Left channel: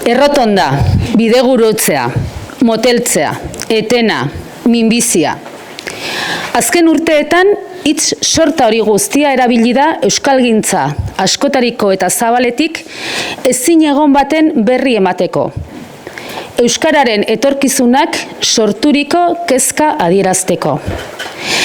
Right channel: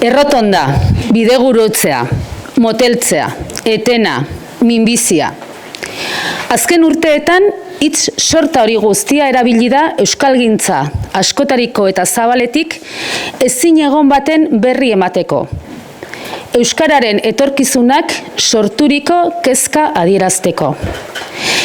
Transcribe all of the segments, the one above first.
Errotonda, bidegurutzea, moteltzea, etena, minbizia. Azken urteetan, hitz sorta hori guztia erabili da euskalgintza askotariko eta zabaletik ezin egon baten berri emateko. Euskararen etorkizunak sorturiko kezka adierazteko.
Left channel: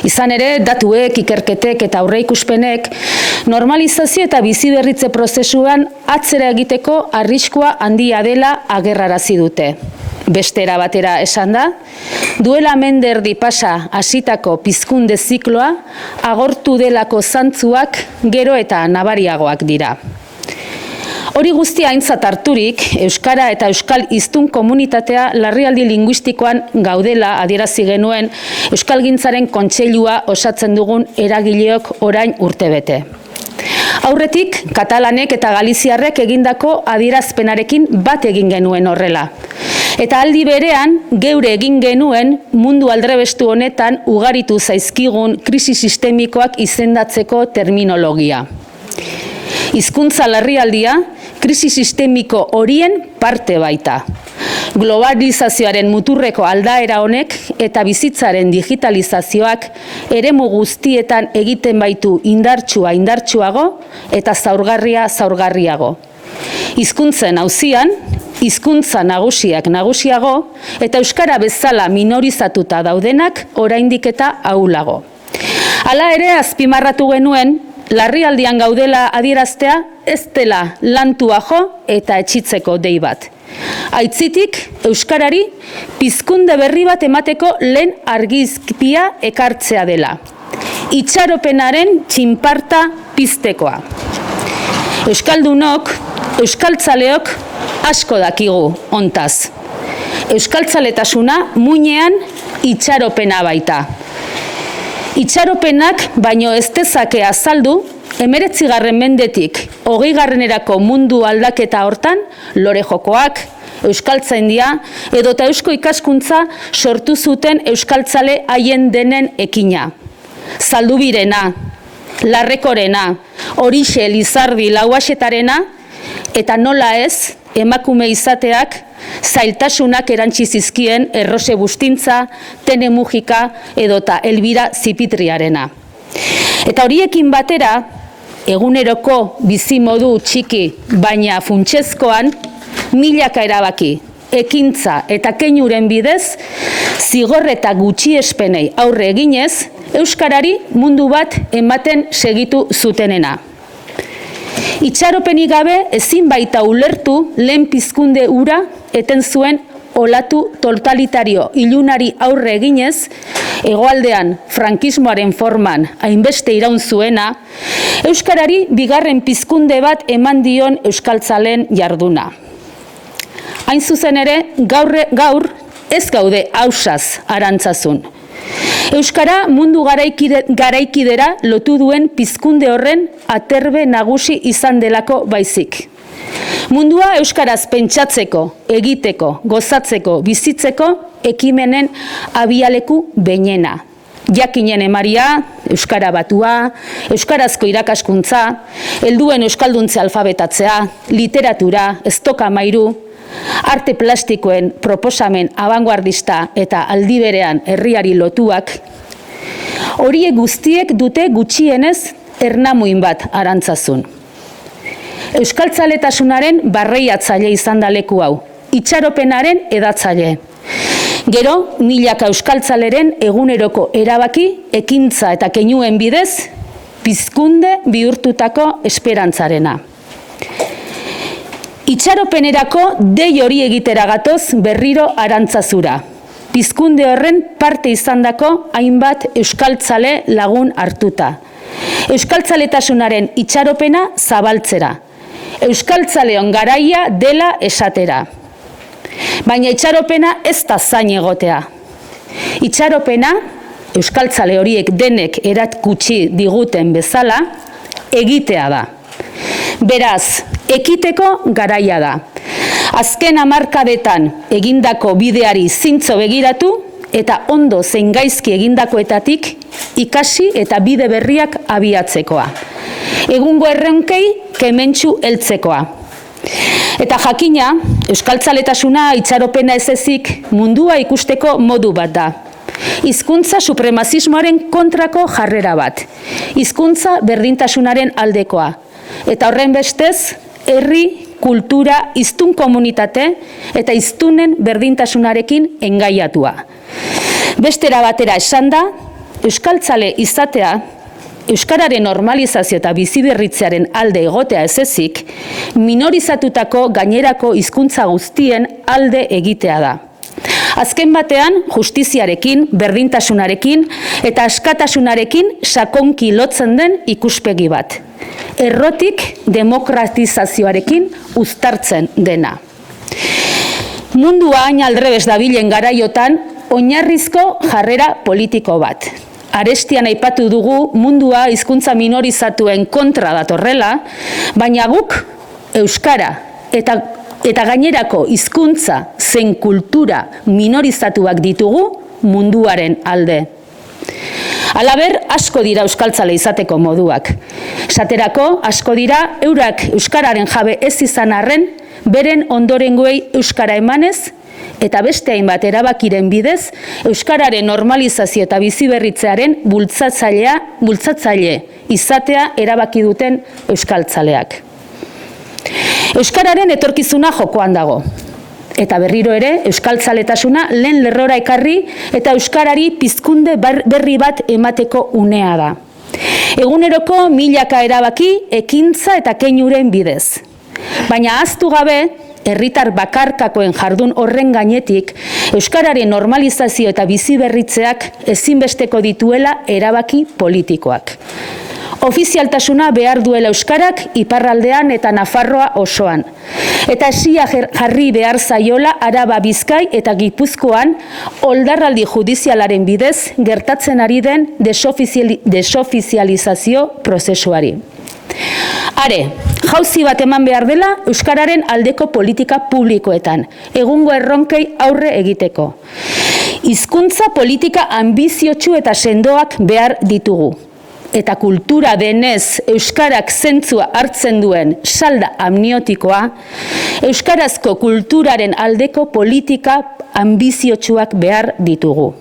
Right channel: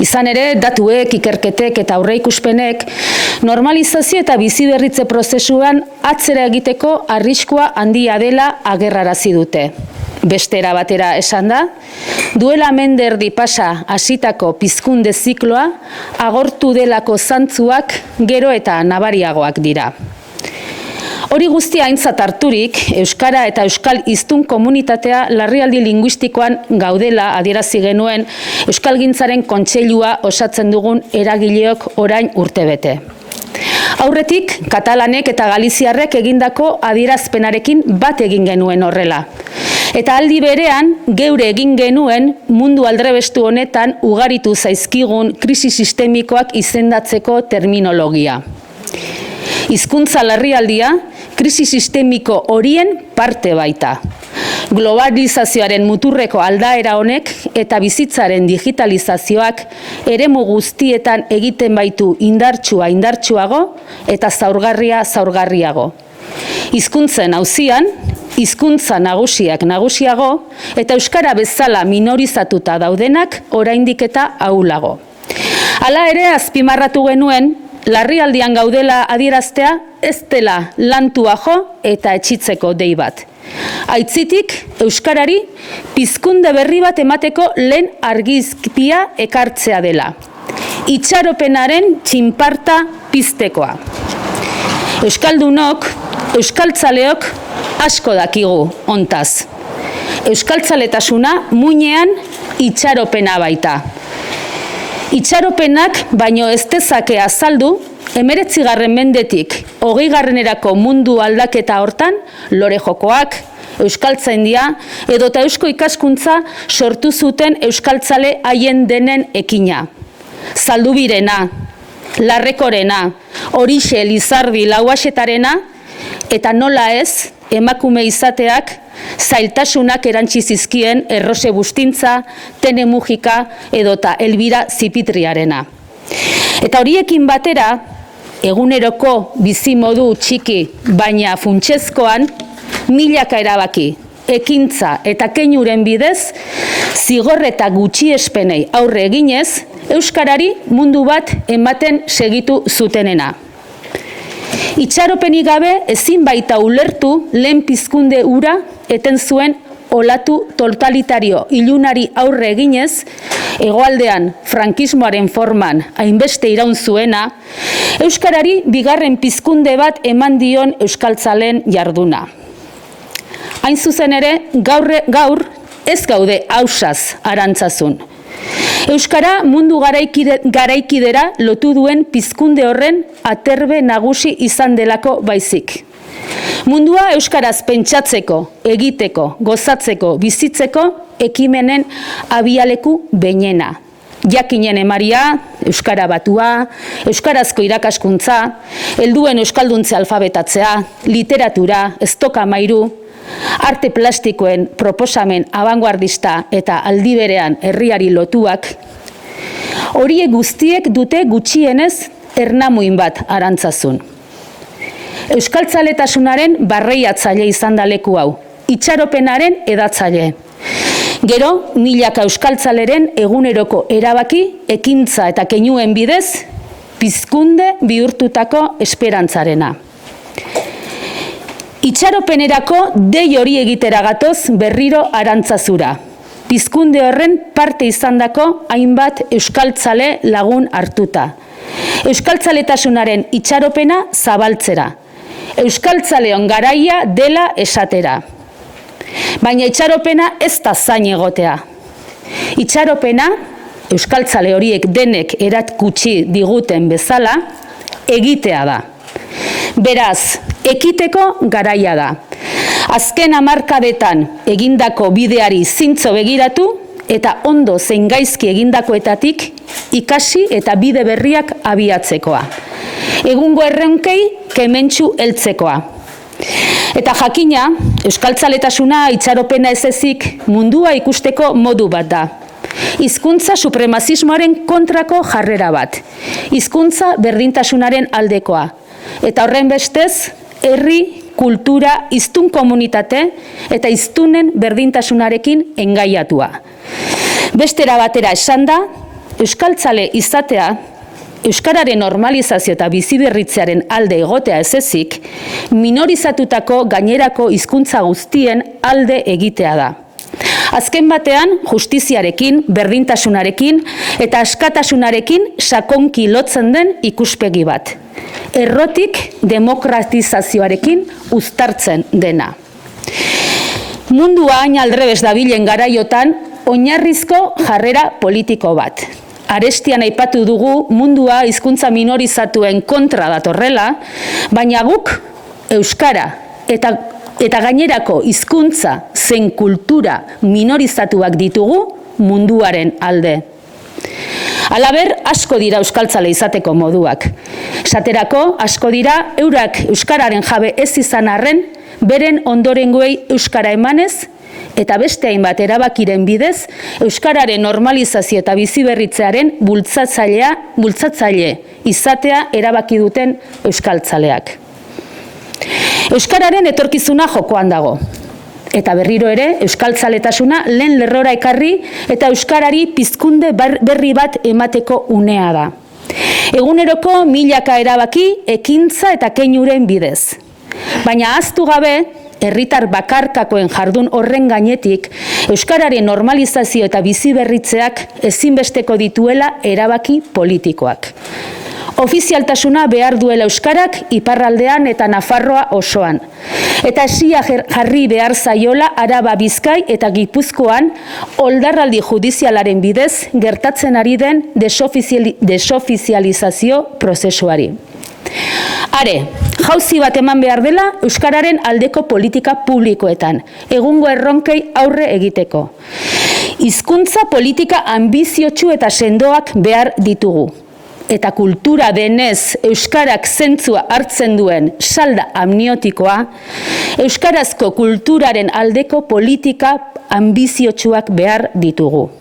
Izan ere, datuek, ikerketek eta aurreikuspenek normalizazio eta biziberritze prozesuan atzera egiteko arriskua handia dela agerrarazi dute. Bestera batera esan da, duela menderdi pasa hasitako pizkunde zikloa agortu delako zantzuak gero eta nabariagoak dira. Hori guztia aintzat harturik, euskara eta euskal hiztun komunitatea larrialdi linguistikoan gaudela adierazi genuen euskalgintzaren kontseilua osatzen dugun eragileok orain urtebete. Aurretik, katalanek eta galiziarrek egindako adierazpenarekin bat egin genuen horrela. Eta aldi berean, geure egin genuen mundu aldrebestu honetan ugaritu zaizkigun krisi sistemikoak izendatzeko terminologia. Hizkuntza larrialdia, krisi sistemiko horien parte baita. Globalizazioaren muturreko aldaera honek eta bizitzaren digitalizazioak eremu guztietan egiten baitu indartsuago eta zaurgarriago. Hizkuntzen auzian, hizkuntza nagusiago eta euskara bezala minorizatuta daudenak oraindik eta ahulago. Hala ere azpimarratu genuen, larrialdian gaudela adieraztea ez dela lantua jo eta etxitzeko dei bat. Aitzitik, euskarari pizkunde berri bat emateko lehen argizkia ekartzea dela. Itxaropenaren txinparta piztekoa. Euskaldunok, euskaltzaleok asko dakigu hontaz. Euskaltzaletasuna muinean itxaropena baita. Itxaropenak baino ez dezake azaldu 19. mendetik 20. mundu aldaketa hortan lore jokoak, euskaltzaindia edota eusko ikaskuntza sortu zuten euskaltzale haien denen ekina. Zaldubirena, Larrekorena, Horixe Lizardi Lauaxetarena eta nola ez emakume izateak zailtasunak erantsi zizkien Errose Bustintza, Tene Mujika edota Elbira Zipitriarena. Eta horiekin batera, eguneroko bizimodu txiki baina funtsezkoan, milaka erabaki, ekintza eta keinuren bidez, zigor eta gutxiespenei aurre eginez, euskarari mundu bat ematen segitu zutenena. Itxaropenik gabe ezin baita ulertu lehen pizkunde hura eten zuen olatu totalitario ilunari aurre eginez, hegoaldean frankismoaren forman hainbeste iraun zuena, euskarari bigarren pizkunde bat eman dion euskaltzaleen jarduna. Hain zuzen ere, gaur ez gaude ausaz arantzazun. Euskara mundu garaikidera lotu duen pizkunde horren aterbe nagusi izan delako baizik. Mundua euskaraz pentsatzeko, egiteko, gozatzeko, bizitzeko ekimenen abialeku behinena. Jakinen emaria, euskara batua, euskarazko irakaskuntza, helduen euskalduntze alfabetatzea, literatura, estoka mairu, arte plastikoen proposamen abanguardista eta aldi berean herriari lotuak, horiek guztiek dute gutxienez ernamuin bat arantzazun. Euskaltzaletasunaren barreiatzaile izan da leku hau, itxaropenaren edatzaile. Gero, milaka euskaltzaleren eguneroko erabaki, ekintza eta keinuen bidez, pizkunde bihurtutako esperantzarena. Itxaropenerako dei hori egitera gatoz berriro arantzazura. Pizkunde horren parte izandako hainbat euskaltzale lagun hartuta. Euskaltzaletasunaren itxaropena zabaltzera. Euskaltzaleon garaia dela esatera. Baina itxaropena ez da zain egotea. Itxaropena, euskaltzale horiek denek erakutsi diguten bezala, egitea da. Beraz, ekiteko garaia da. Azken hamarkadetan egindako bideari zintzo begiratu eta ondo zein gaizki egindakoetatik ikasi eta bide berriak abiatzekoa. Egungo erronkei kementsu heltzekoa. Eta jakina, Euskaltzaletasuna itxaropena ez ezik mundua ikusteko modu bat da. Hizkuntza supremazismoaren kontrako jarrera bat. Hizkuntza berdintasunaren aldekoa. Eta horren bestez, herri, kultura, hiztun komunitate eta hiztunen berdintasunarekin engaiatua. Bestera batera esan da, euskaltzale izatea, euskararen normalizazio eta biziberritzearen alde egotea ez ezik, minorizatutako gainerako hizkuntza guztien alde egitea da. Azken batean, justiziarekin, berdintasunarekin eta askatasunarekin sakonki lotzen den ikuspegi bat. Errotik demokratizazioarekin uztartzen dena. Mundua hain aldrebes dabilen garaiotan, oinarrizko jarrera politiko bat. Arestian aipatu dugu mundua hizkuntza minorizatuen kontra datorrela, baina guk euskara eta gainerako hizkuntza zein kultura minorizatuak ditugu munduaren alde. Halaber, asko dira euskaltzale izateko moduak. Esaterako, asko dira eurak euskararen jabe ez izan arren, beren ondorengoei euskara emanez, eta beste hainbat erabakiren bidez, euskararen normalizazio eta biziberritzearen bultzatzaile izatea erabaki duten euskaltzaleak. Euskararen etorkizuna jokoan dago. Eta berriro ere, euskaltzaletasuna lehen lerrora ekarri eta euskarari pizkunde berri bat emateko unea da. Eguneroko milaka erabaki, ekintza eta keinuren bidez. Baina ahaztu gabe, herritar bakarkakoen jardun horren gainetik, euskararen normalizazio eta biziberritzeak ezinbesteko dituela erabaki politikoak. Ofizialtasuna behar duela euskarak iparraldean eta Nafarroa osoan. Eta esia jarri behar zaiola Araba, Bizkai eta Gipuzkoan oldarraldi judizialaren bidez gertatzen ari den desofizializazio prozesuari. Are, jauzi bat eman behar dela euskararen aldeko politika publikoetan, egungo erronkei aurre egiteko. Hizkuntza politika anbiziotsu eta sendoak behar ditugu. Eta kultura denez euskarak zentzua hartzen duen salda amniotikoa, euskarazko kulturaren aldeko politika anbiziotsuak behar ditugu.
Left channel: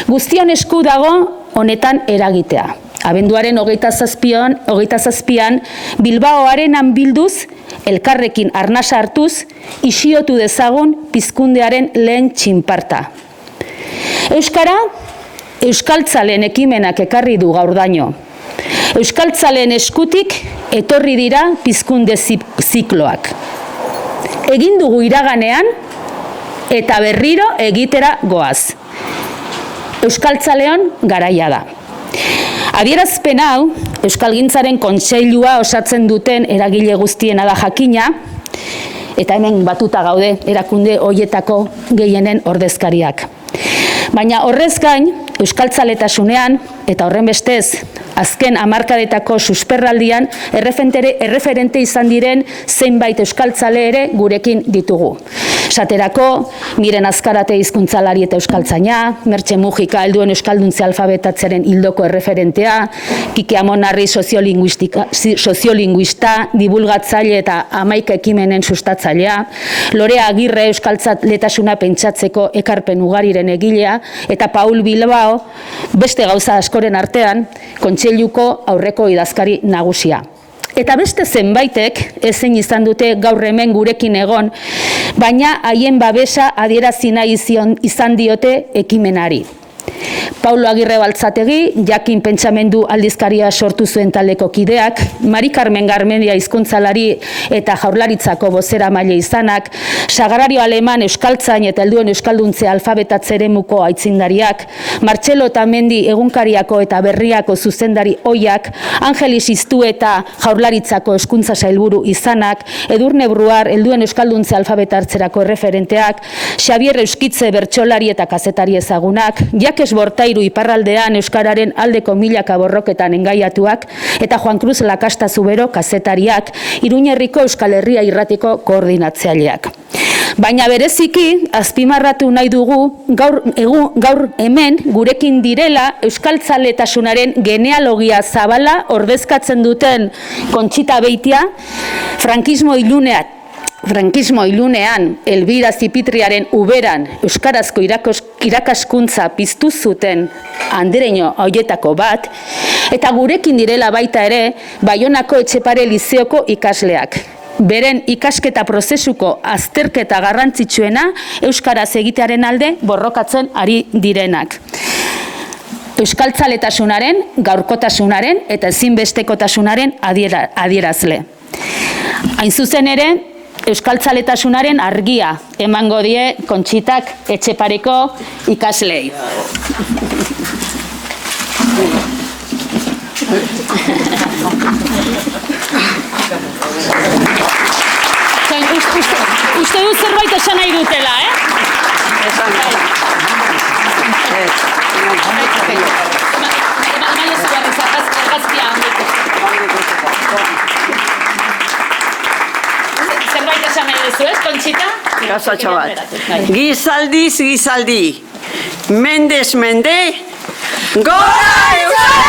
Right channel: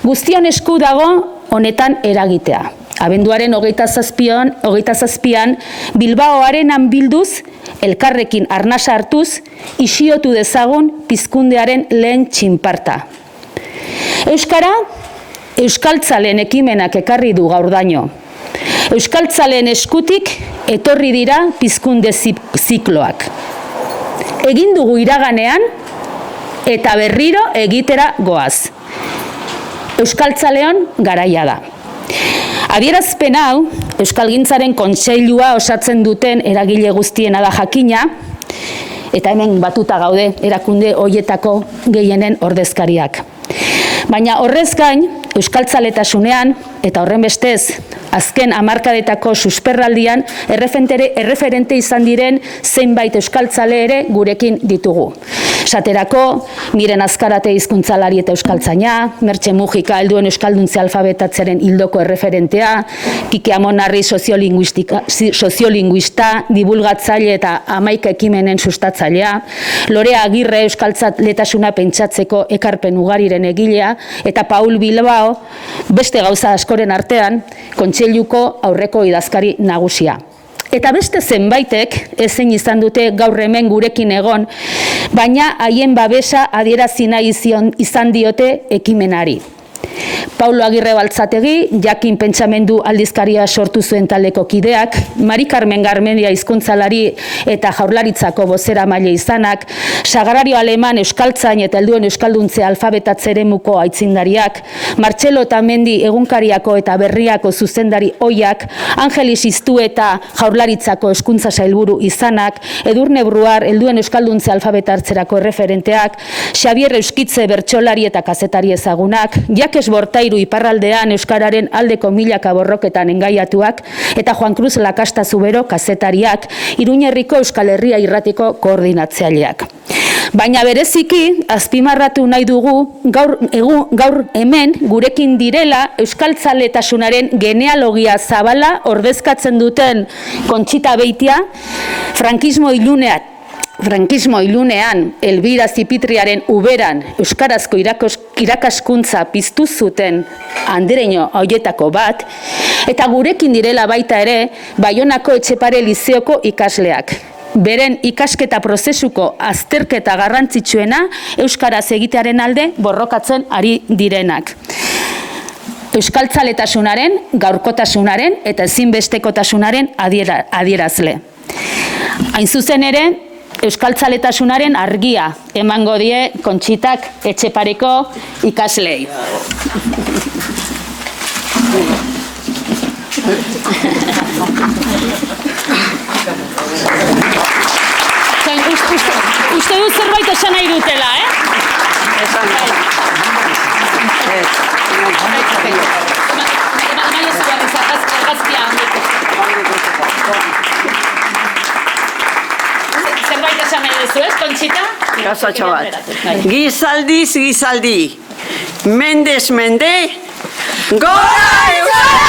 Guztion esku dago honetan eragitea. Abenduaren 27an Bilbaoarenan bilduz, elkarrekin arnasa hartuz, isiotu dezagun pizkundearen lehen txinparta. Euskara, euskaltzaleen ekimenak ekarri du gaurdaino. Euskaltzaleen eskutik etorri dira pizkunde zikloak. Egin dugu iraganean eta berriro egitera goaz. Euskaltzaleon garaia da. Adierazpen hau, Euskalgintzaren Kontseilua osatzen duten eragile guztiena da jakina, eta hemen batuta gaude erakunde horietako gehienen ordezkariak. Baina horrez gain, euskaltzaletasunean, eta horren bestez, azken hamarkadetako susperraldian, erreferente izan diren zeinbait euskaltzale ere gurekin ditugu. Esaterako, Miren Azkarate hizkuntzalari eta euskaltzaina, Mertxe Mujika helduen euskalduntze alfabetatzearen hildoko erreferentea, Kike Amonarri soziolinguista, divulgatzaile eta hamaika ekimenen sustatzailea, Lorea Agirre euskaltzaletasuna pentsatzeko ekarpen ugariren egilea, eta Paul Bilbao, beste gauza askoren artean, Kontseiluko aurreko idazkari nagusia. Eta beste zenbaitek ezin izan dute gaur hemen gurekin egon, baina haien babesa adierazi nahi izan diote ekimenari. Paulo Agirre Baltzategi, Jakin Pentsamendu aldizkaria sortu zuen taldeko kideak, Mari Carmen Garmendia hizkuntzalari eta Jaurlaritzako bozeramaile izanak, Sagrario Aleman euskaltzain eta helduen euskalduntze alfabetatze eremuko aitzindariak, Martxelo Otamendi egunkariako eta berriako zuzendari ohiak, Angelis Iztu eta Jaurlaritzako hezkuntza sailburu izanak, Edurne Bruar helduen euskalduntze alfabetatzerako referenteak, Xabier Euskitze bertsolari eta kazetari ezagunak, Jakes Bortairu iparraldean euskararen aldeko milaka borroketan engaiatuak, eta Juan Cruz Lakasta Zubero kazetariak, Iruñerriko Euskal Herria irratiko koordinatzaileak. Baina bereziki, azpimarratu nahi dugu, gaur hemen gurekin direla euskaltzaletasunaren genealogia zabala ordezkatzen duten Kontxita Beitia, frankismo frankismo ilunean, Elbira Zipitriaren uberan, euskarazko irakaskuntza piztu zuten andereño horietako bat, eta gurekin direla baita ere, Baionako Etxepare Lizeoko ikasleak. Beren ikasketa prozesuko azterketa garrantzitsuena euskaraz egitearen alde borrokatzen ari direnak. Euskaltzaletasunaren, gaurkotasunaren eta ezinbestekotasunaren adierazle. Hain zuzen ere, euskaltzaletasunaren argia emango die Kontxitak Etxepareko ikaslei. Uste dut zerbait esan nahi dutela, Gizaldiz gizaldi, mendez mende, gora!